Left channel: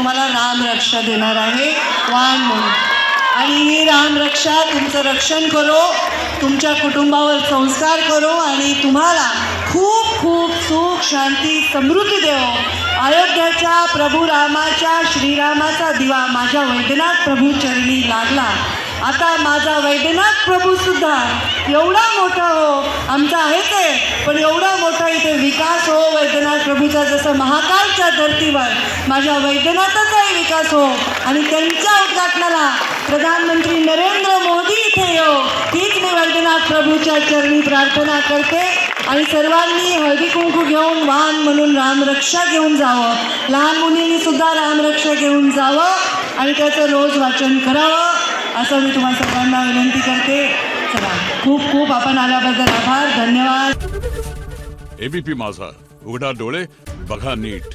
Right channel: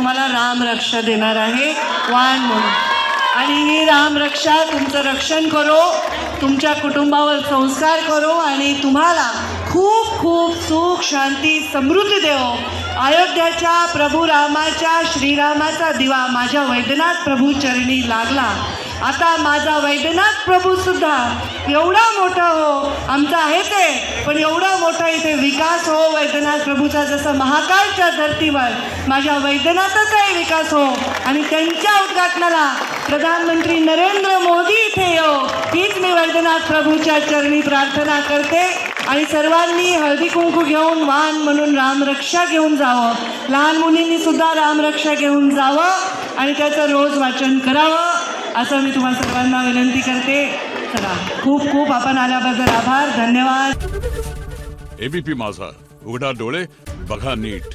तुम्हाला रामरक्षा देणार आहे वाण म्हणून. आणि ही रामरक्षा तुमचं रक्षण करो, तुमच्या कुटुंबावर संस्कार करो आणि तुम्हाला खूप खूप सुख शांती समृद्धी देवो. अयोध्याच्या प्रभू रामाच्या श्रीरामाचा दिवा माझ्या वैद्यनाथ प्रभू चरणी लागला. आता माझा वैद्यनाथ प्रभू सुद्धा एवढा मोठा हो, आमचा आहे ते, पण एवढा मोठा इथे विकास हो वैद्यनाथ प्रभूचा, जसं महाकालच्या धर्तीवर माझ्या वैद्यनाथाचाही विकास हो आणि त्यांच्या उद्घाटनाला प्रधानमंत्री नरेंद्र मोदी इथे येऊ, हीच मी वैद्यनाथ प्रभूच्या चरणी प्रार्थना करते. आणि सर्वांनी हळदी कुंकू घेऊन वाण म्हणून रामरक्षा घेऊन जावं, लहान मुलींनी सुद्धा रामरक्षा घेऊन जावं आणि त्याचं रोज वाचन करावं असं मी तुम्हाला सर्वांना विनंती करते. चला, खूप खूप आपण आल्याबद्दल आभार, धन्यवाद. एबीपी माझा, उघडा डोळे बघा नीट.